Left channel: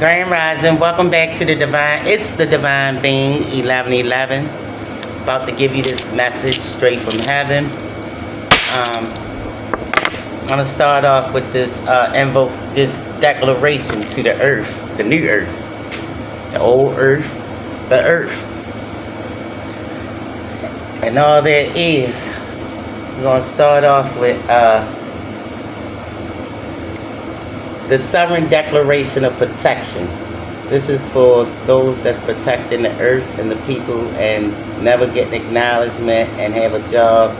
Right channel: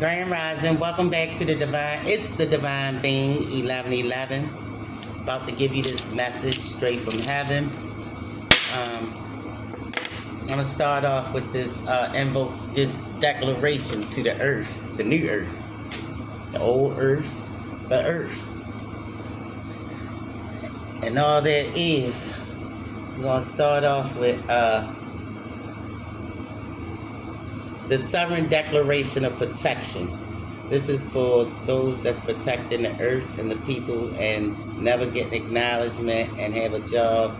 Grand Rising, welcome back to the Divine. It's the Divine Being 1111. About to give you this message straight from heaven. I'm gonna start off with this invoke this declaration to the earth, the new earth, the old earth, the earth, and all there is. We're gonna start off with the Sovereign Declaration of Protection. This is for those that's protecting the earth and the people and never getting acknowledgement and have a job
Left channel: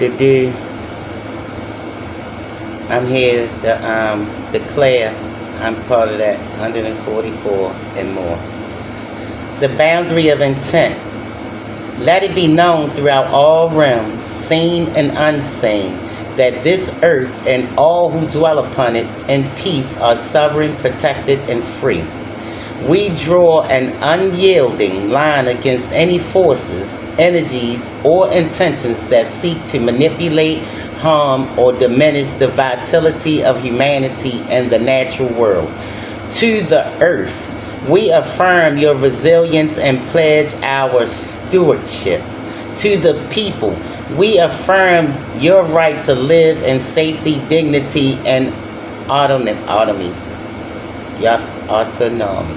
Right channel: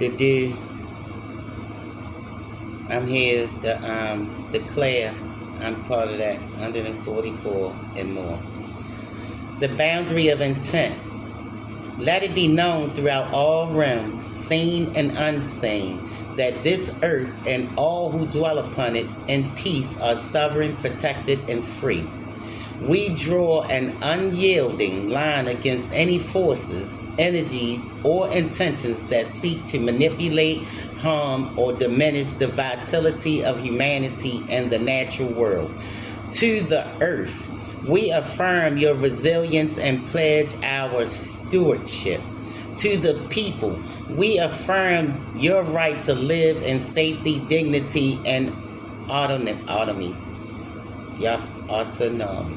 to do. I'm here to declare I'm part of that 144 and more. The boundary of intent. Let it be known throughout all realms, seen and unseen, that this earth and all who dwell upon it in peace are sovereign, protected, and free. We draw an unyielding line against any forces, energies, or intentions that seek to manipulate, harm, or diminish the vitality of humanity and the natural world. To the earth, we affirm your resilience and pledge our stewardship. To the people, we affirm your right to live in safety, dignity, and autonomy. Yes, autonomy.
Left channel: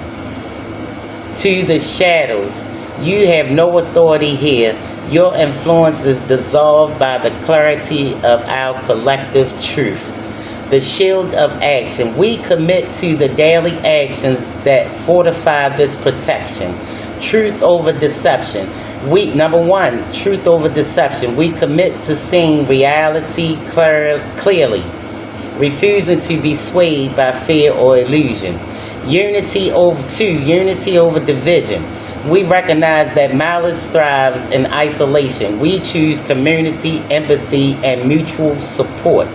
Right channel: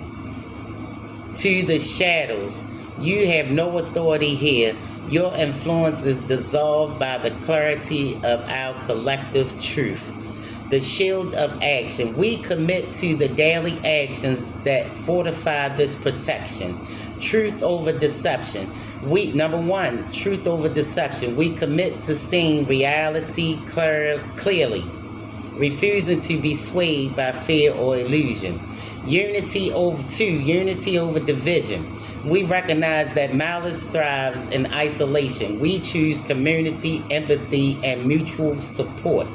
To the shadows, you have no authority here. Your influence is dissolved by the clarity of our collective truth. The shield of action. We commit to the daily actions that fortify this protection. Truth over deception. Number one, truth over deception. We commit to seeing reality clearly, refusing to be swayed by fear or illusion. Unity over division. We recognize that malice thrives in isolation. We choose community, empathy, and mutual support.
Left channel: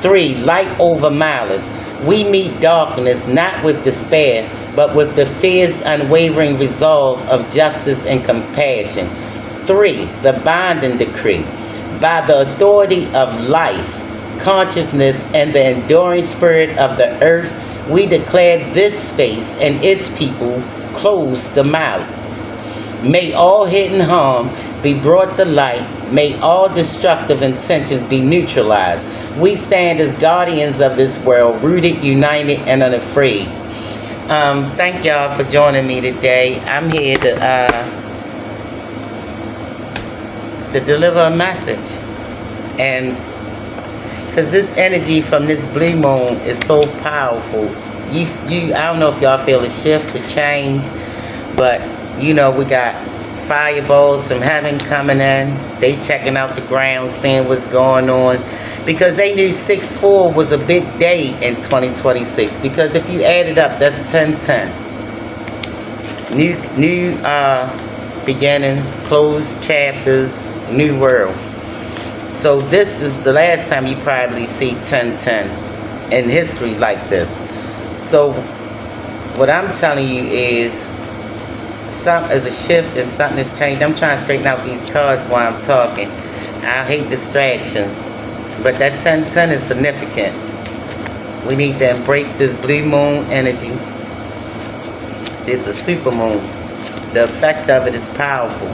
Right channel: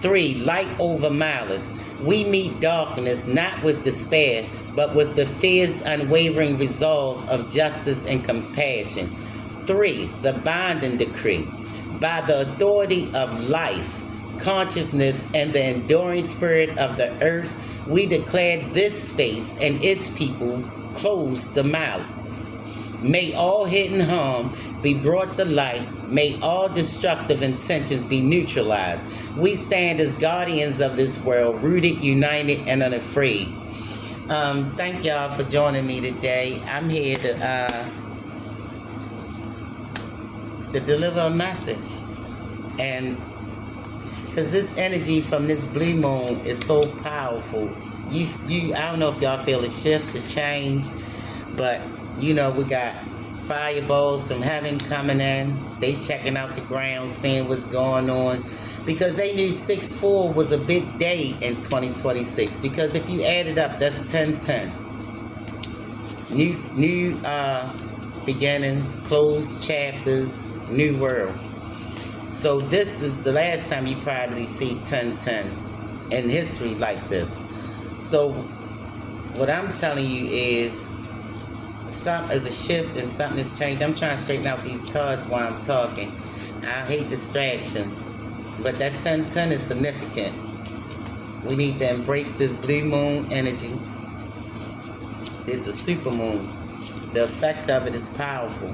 3, light over malice. We meet darkness not with despair, but with the fierce, unwavering resolve of justice and compassion. 3, the binding decree. By the authority of life, consciousness, and the enduring spirit of the earth, we declare this space and its people closed to malice. May all hidden harm be brought to light. May all destructive intentions be neutralized. We stand as guardians of this world, rooted, united, and unafraid. Thank y'all for joining me today. I'm here to deliver a message. And because this energy from this blue moon is so powerful. I don't know if y'all feel a shift, a change, but we got fireballs from heaven coming in. They checking out the ground, seeing what's going on. Because they knew 6/4 was a big day in 2026. Because if you add it up, that's 10/10. New beginnings, closed chapters, new world. So this is the last time you probably see 10/10 in history like this. So what I'm telling you is something is a shift and something has changed. I'm trying to straighten out these cards while I'm talking. I hate distractions. But that 10/10 is significant. We need to embrace this blue moon energy. It's a super moon. The effect of it is powerful.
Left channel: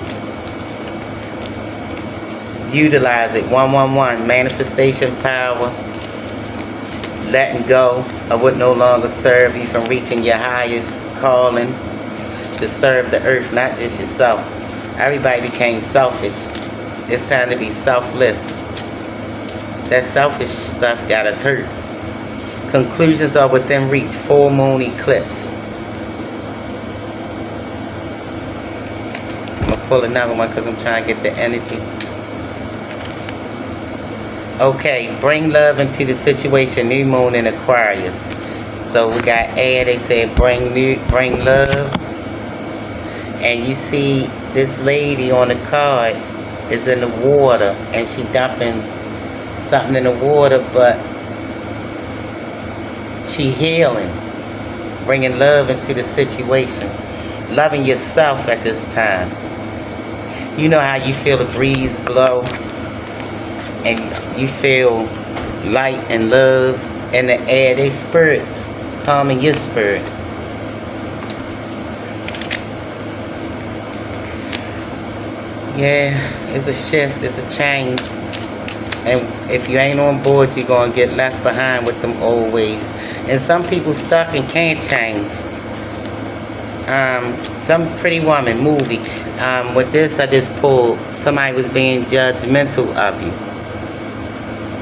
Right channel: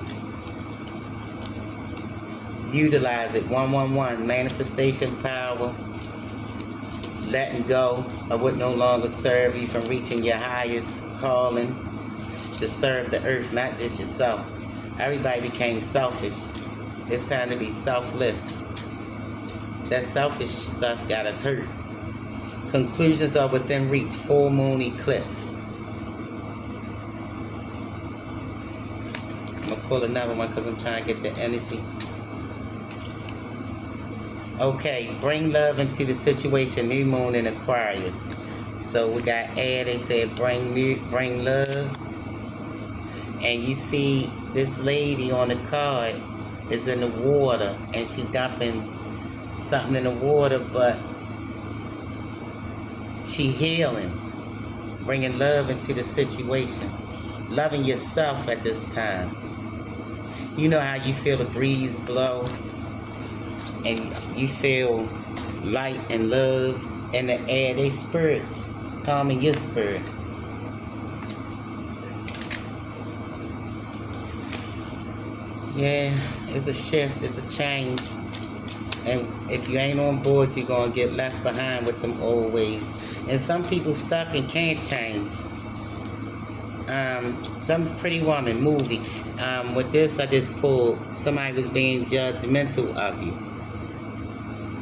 Utilize it. 111. Manifestation power. Letting go of what no longer serve you from reaching your highest calling to serve the earth, not just yourself. Everybody became selfish. It's time to be selfless. That selfish stuff got us hurt. Conclusions are within reach. Full moon eclipse. I'm going to pull another one because I'm trying to get the energy. Okay, bring love into the situation. New moon in Aquarius. So we got air. They said bring love. And you see this lady on the card is in the water and she dumping something in the water, but she healing, bringing love into the situation, loving yourself at this time. You know how you feel the breeze blow and you feel light and love in the air. They spirits calming your spirit. Yeah, it's a shift, it's a change. And if you ain't on board, you're going to get left behind with them old ways. And some people stuck and can't change. Some Pretty Woman movie. With this, I just pulled, somebody was being judgmental of you.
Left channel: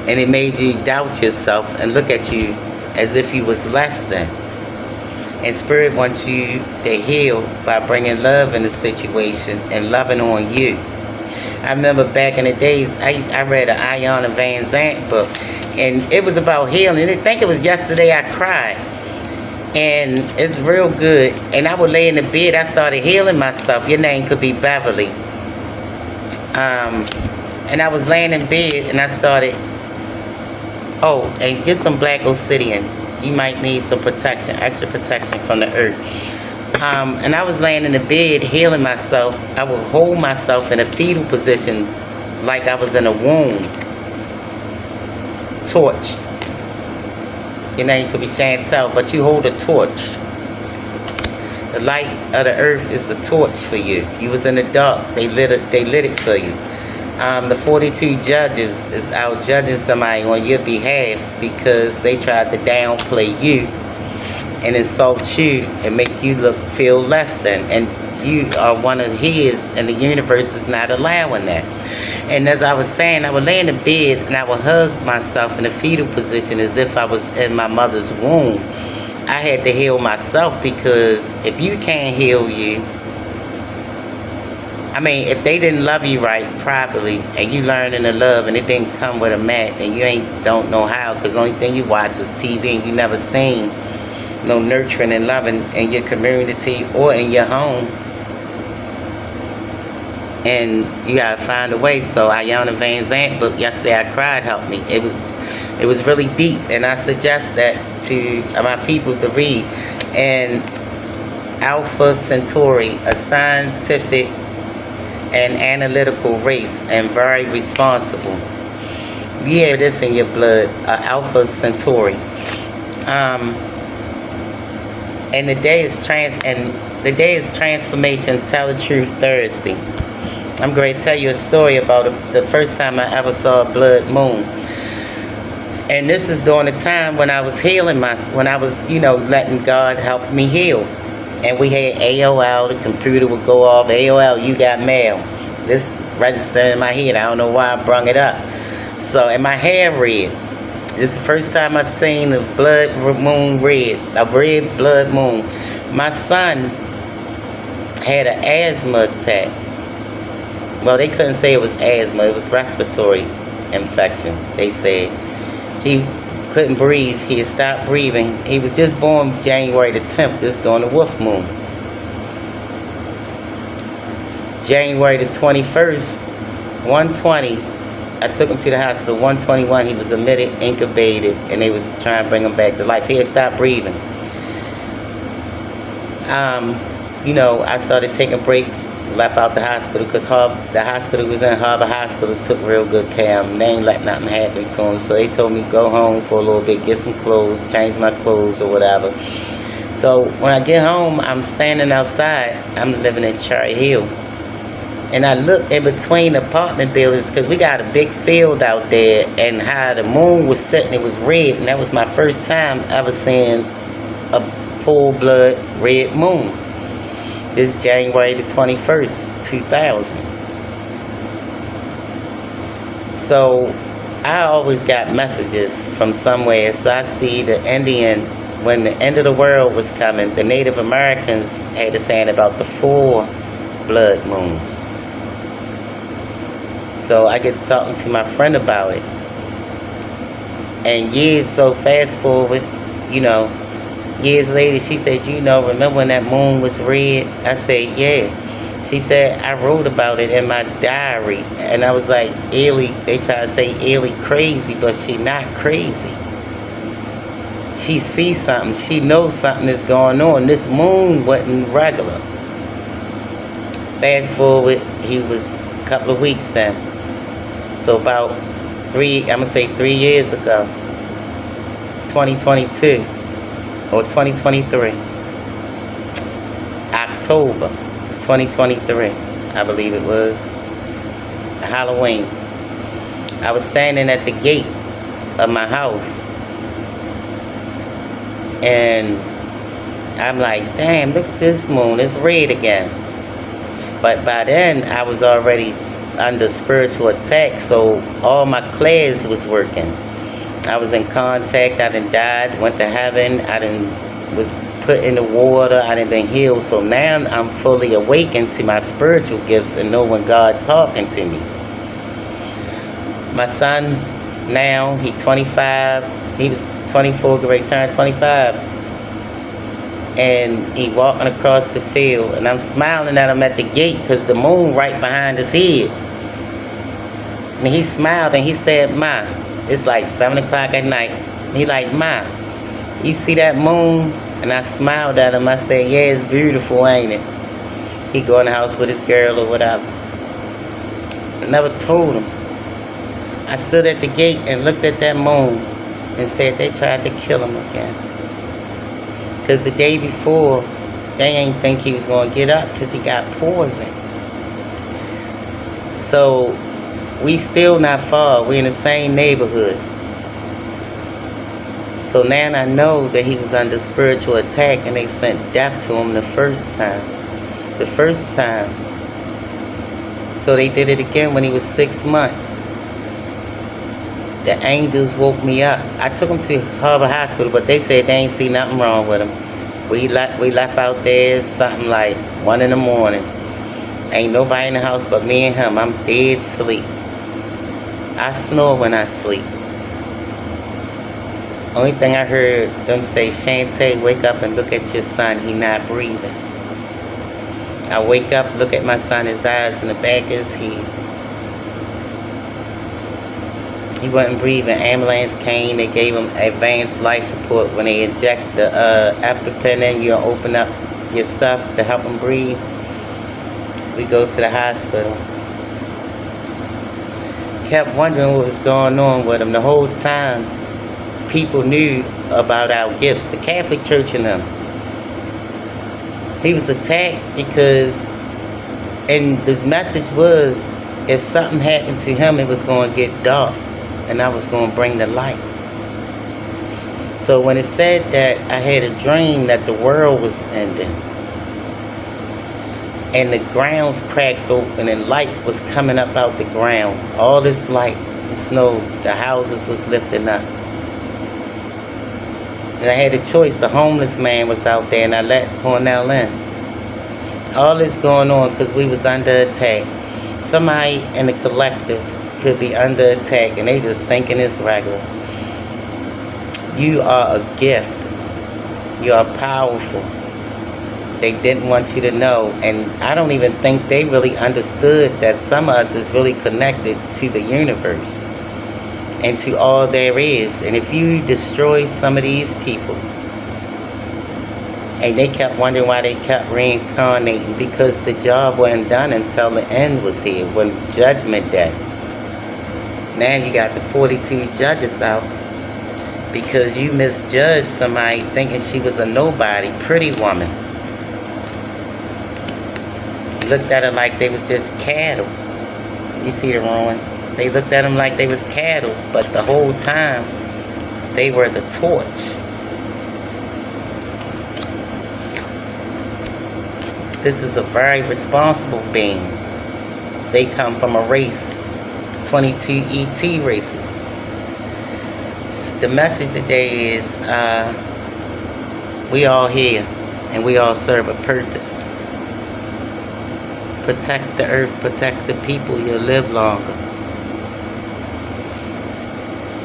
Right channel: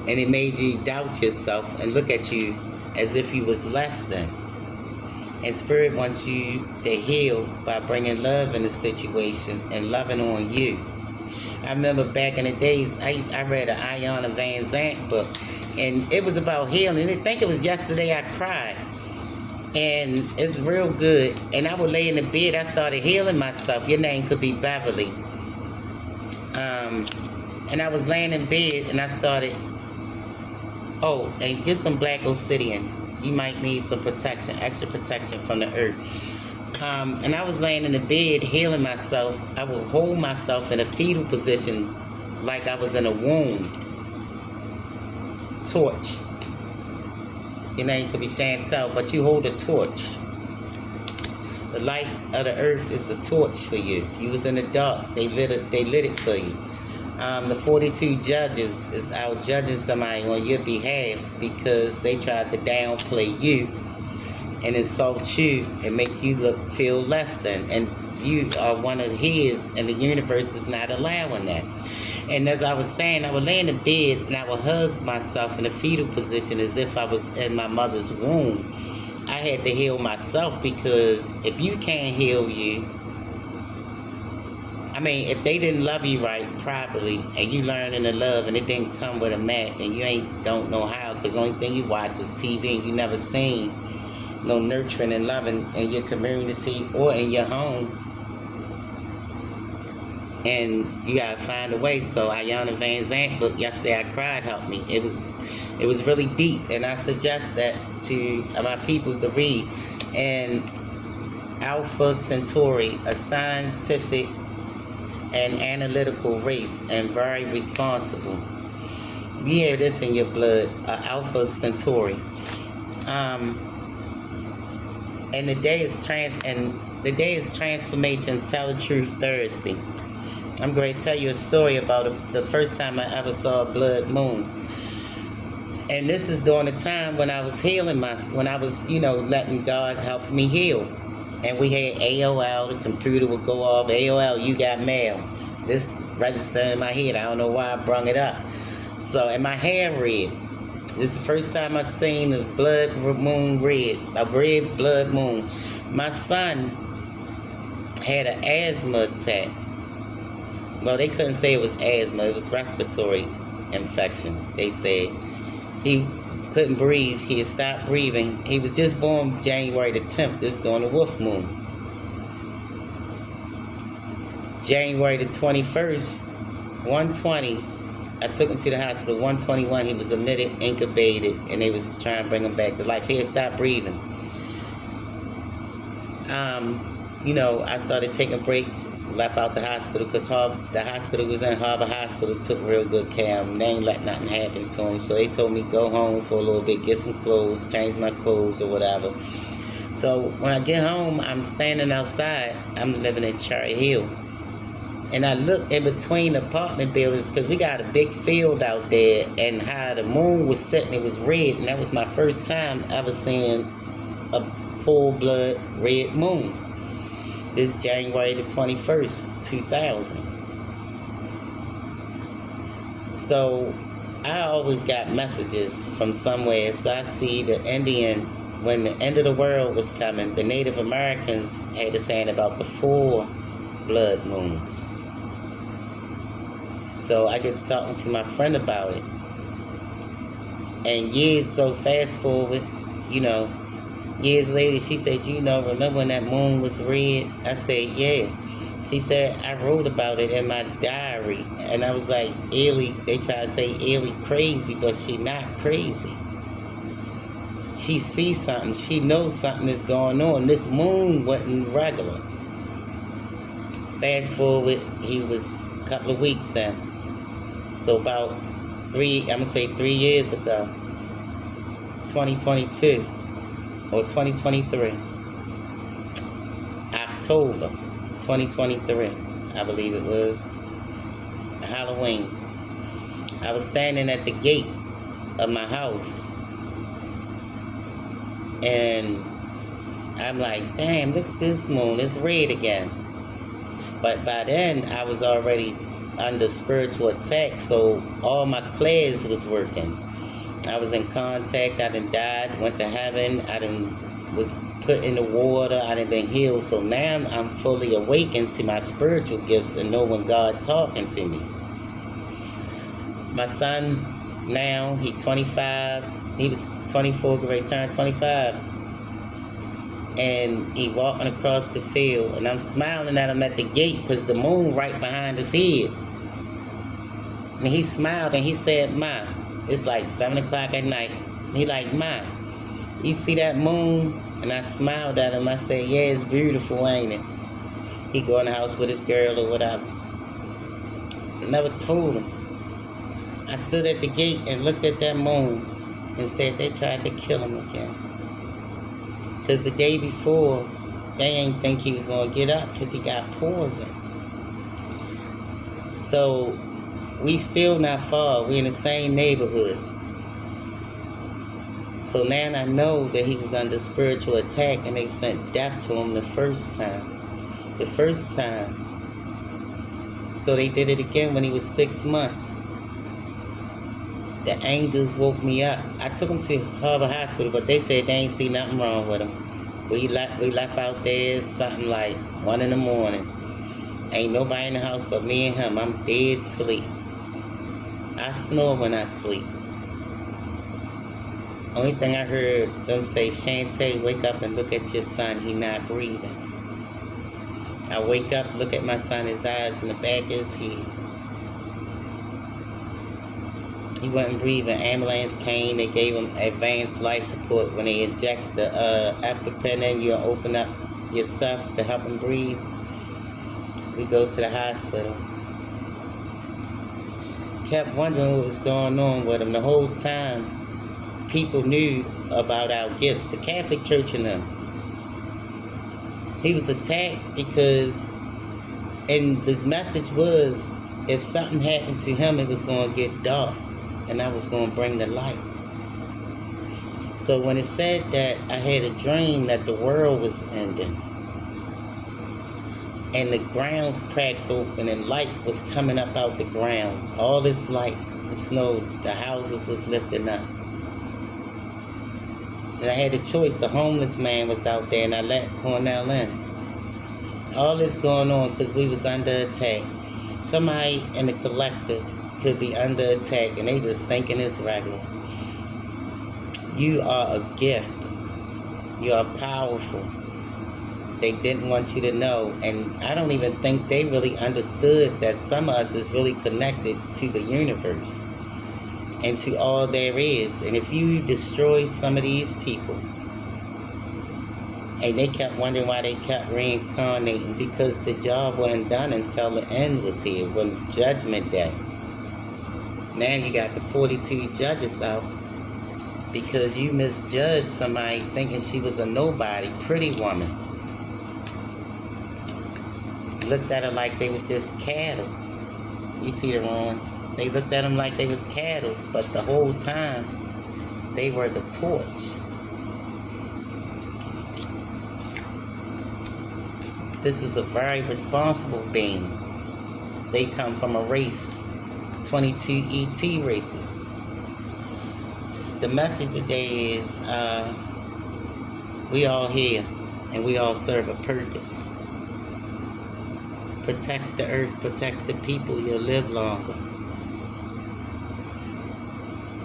And it made you doubt yourself and look at you as if you was less than. And Spirit wants you to heal by bringing love in the situation and loving on you. I remember back in the days, I read an Iona Van Zant book, and it was about healing. I think it was yesterday I cried. And it's real good. And I would lay in the bed, I started healing myself. Your name could be Beverly. And I was laying in bed, and I started, oh, and get some black obsidian. You might need some protection, extra protection from the earth. And I was laying in the bed healing myself. I would hold myself in a fetal position like I was in a womb. Torch. Your name could be Chantel, but you hold a torch. The light of the earth is a torch for you. You was in the dark. They lit it for you. The 42 judges is out judging somebody on your behalf because they tried to downplay you and insult you and make you feel less than, and you are one of his, and the universe is not allowing that. And as I was saying, I would lay in the bed and I would hug myself in a fetal position as if I was in my mother's womb. I had to heal myself, because if you can't heal you, I mean, if they didn't love you right properly, and you learning to love, and it didn't come with a mat, and you don't know how, because the only thing you watched was TV, and you never seen no nurturing and loving in your community or in your home. And you gotta find a way. So Iona Van Zant book yesterday I cried helped me. It was really deep, and I suggest that to my peoples to read. And Alpha Centauri, a scientific and analytical race, and very responsible. You have this in your blood, Alpha Centauri. And the day is Transformation Tell the Truth Thursday. I'm going to tell you a story about the first time I ever saw a blood moon. And this is during the time when I was healing when I was, letting God help me heal. And we had AOL, the computer would go off, AOL, you got mail. This registered in my head, I don't know why I brung it up. So, and my hair red. This is the first time I've seen the blood moon red, a red blood moon. My son had an asthma attack. Well, they couldn't say it was asthma, it was respiratory infection, they said. He couldn't breathe, he had stopped breathing. He was just born January the 10th, this during the wolf moon. January the 21st, 120, I took him to the hospital. 121, he was admitted, incubated, and they was trying to bring him back to life. He had stopped breathing. I started taking breaks, left out the hospital, because the hospital was in Harbor Hospital, took real good care of him. They ain't let nothing happen to him. So they told me go home for a little bit, get some clothes, change my clothes or whatever. So when I get home, I'm standing outside. I'm living in Cherry Hill. And I look in between apartment buildings, because we got a big field out there, and how the moon was setting, it was red, and that was my first time ever seeing a full-blood red moon. This January the 21st, 2000. So I always got messages from somewhere. So I see the Indian, when the end of the world was coming, the Native Americans had a saying about the 4 blood moons. So I get to talking to my friend about it. And fast forward, years later, she said, remember when that moon was red? I said, yeah. She said, I wrote about it in my diary. And I was like, Ellie, they try to say Ellie crazy, but she not crazy. She sees something. She knows something is going on. This moon wasn't regular. Fast forward, he was a couple of weeks then. So about 3 years ago, 2022 or 2023, October 2023, I believe it was Halloween. I was standing at the gate of my house, and I'm like, damn, look at this moon, it's red again. But by then, I was already under spiritual attack, so all my clairs was working. I was in contact, I done died, went to heaven, I done was put in the water, I done been healed. So now I'm fully awakened to my spiritual gifts and know when God talking to me. My son now, he 25, he was 24, great turn 25. And he walking across the field, and I'm smiling at him at the gate because the moon right behind his head. And he smiled and he said, "Ma," it's like 7 o'clock at night. He like, "Ma, you see that moon?" And I smiled at him. I said, "Yeah, it's beautiful, ain't it?" He go in the house with his girl or whatever. I never told him. I stood at the gate and looked at that moon and said they tried to kill him again. Because the day before, they ain't think he was going to get up because he got poisoned. So, we still not far. We in the same neighborhood. So now I know that he was under spiritual attack and they sent death to him the first time. The first time. So they did it again when he was 6 months. The angels woke me up. I took him to Harbor Hospital, but they said they ain't see nothing wrong with him. We left out there something like 1 in the morning. Ain't nobody in the house but me and him. I'm dead asleep. I snore when I sleep. Only thing I heard them say, "Shantae, wake up and look at your son. He not breathing." I wake up, look at my son, his eyes in the back of his head. He wasn't breathing. Ambulance came. They gave him advanced life support. When they inject the EpiPen in, you open up your stuff to help him breathe. We go to the hospital. Kept wondering what was going on with him. The whole time, people knew about our gifts. The Catholic Church and them. He was attacked because, and this message was, if something happened to him, it was going to get dark. And I was going to bring the light. So when it said that, I had a dream that the world was ending. And the grounds cracked open and light was coming up out the ground. All this light, the snow, the houses was lifting up. And I had a choice. The homeless man was out there and I let Cornell in. All this going on because we was under attack. Somebody in the collective could be under attack and they just thinking it's regular. You are a gift. You are powerful. They didn't want you to know, and I don't even think they really understood that some of us is really connected to the universe and to all there is. And if you destroy some of these people, and they kept wondering why they kept reincarnating, because the job wasn't done until the end was here, when Judgment Day. Now you got the 42 judges out because you misjudged somebody thinking she was a nobody, pretty woman. You looked at her like they was just cattle. You see the ruins? They looked at them like they was cattle, but the whole time they were the torch. This is a very responsible being. They come from a race, 22 ET races. The message today is we all here and we all serve a purpose. Protect the earth, protect the people, you'll live longer.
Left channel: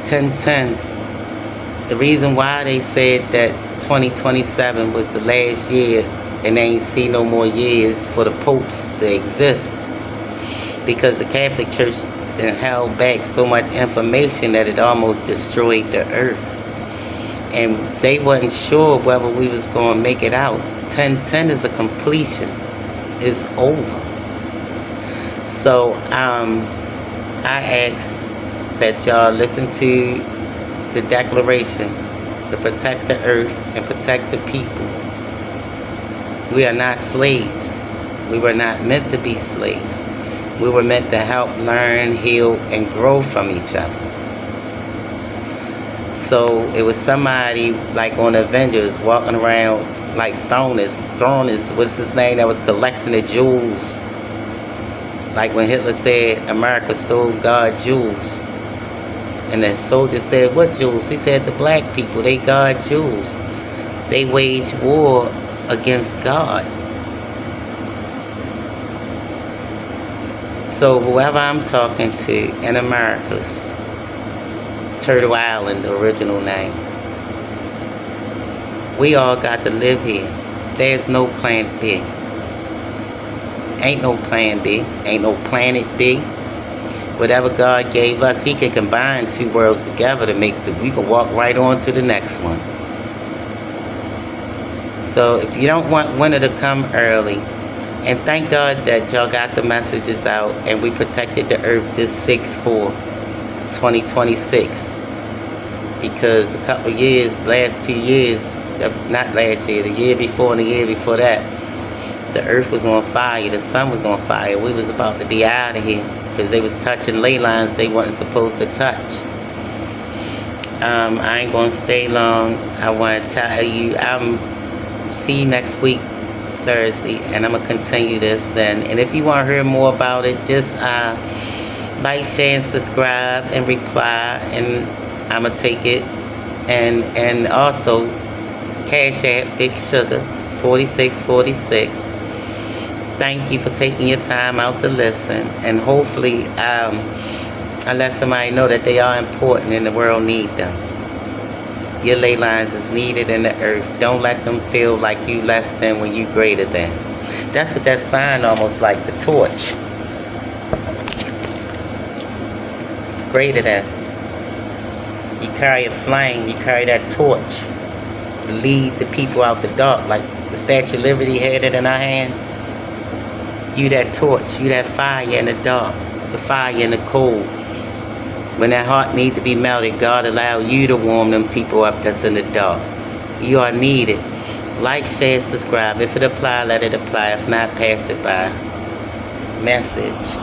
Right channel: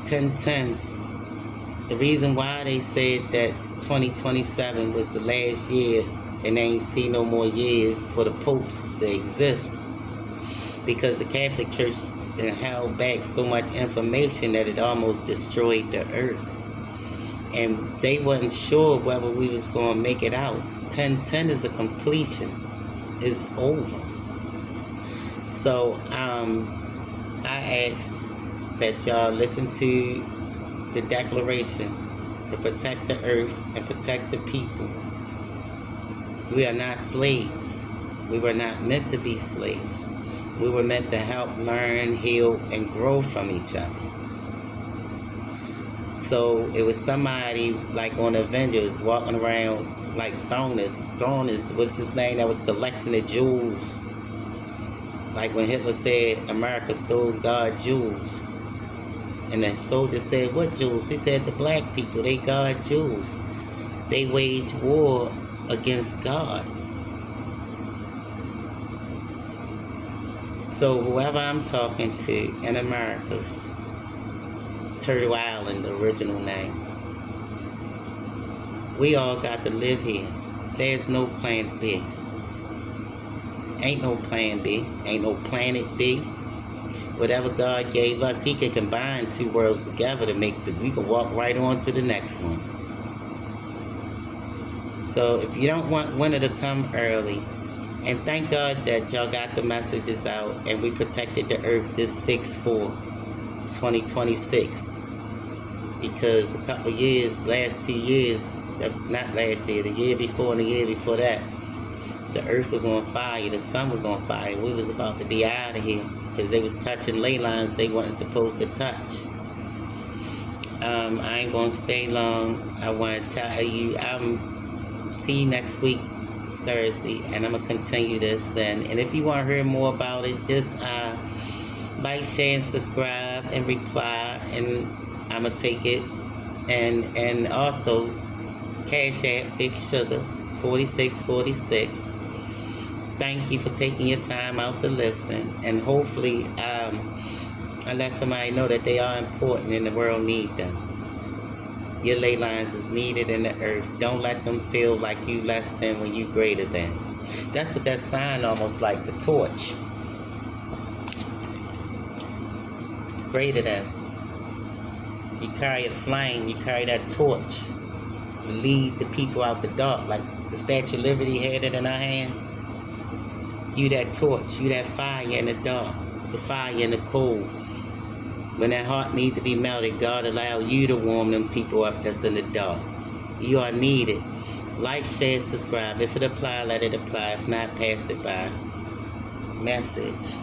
1010. The reason why they said that 2027 was the last year and they ain't see no more years for the popes to exist, because the Catholic Church then held back so much information that it almost destroyed the earth. And they wasn't sure whether we was going to make it out. 1010 is a completion. It's over. So I ask that y'all listen to the declaration to protect the earth and protect the people. We are not slaves. We were not meant to be slaves. We were meant to help, learn, heal, and grow from each other. So it was somebody like on Avengers walking around like Thronis, what's his name, that was collecting the jewels. Like when Hitler said America stole God's jewels. And the soldier said, what jewels? He said the black people, they guard jewels. They wage war against God. So whoever I'm talking to in America's, Turtle Island, the original name, we all got to live here. There's no plan B. Ain't no plan B. Ain't no planet B. Whatever God gave us, He can combine two worlds together to make we can walk right on to the next one. So if you don't want winter to come early, and thank God that y'all got the messages out and we protected the earth this 6/4/2026. Because a couple of years, last 2 years, not last year, the year before and the year before that, the earth was on fire, the sun was on fire. We was about to be out of here because they was touching ley lines they wasn't supposed to touch. I ain't gonna stay long. I want to tell you, see you next week, Thursday, and I'm gonna continue this then. And if you want to hear more about it, just like, share, and subscribe, and reply, and I'm gonna take it. And also, Cash App Big Sugar 4646. Thank you for taking your time out to listen, and hopefully I let somebody know that they are important and the world need them. Your ley lines is needed in the earth. Don't let them feel like you less than when you greater than. That's what that sign almost like, the torch. Greater than. You carry a flame, you carry that torch to lead the people out the dark, like the Statue of Liberty had it in our hand. You that torch, you that fire in the dark, the fire in the cold. When that heart need to be melted, God allow you to warm them people up that's in the dark. You are needed. Like, share, subscribe. If it apply, let it apply. If not, pass it by. Message.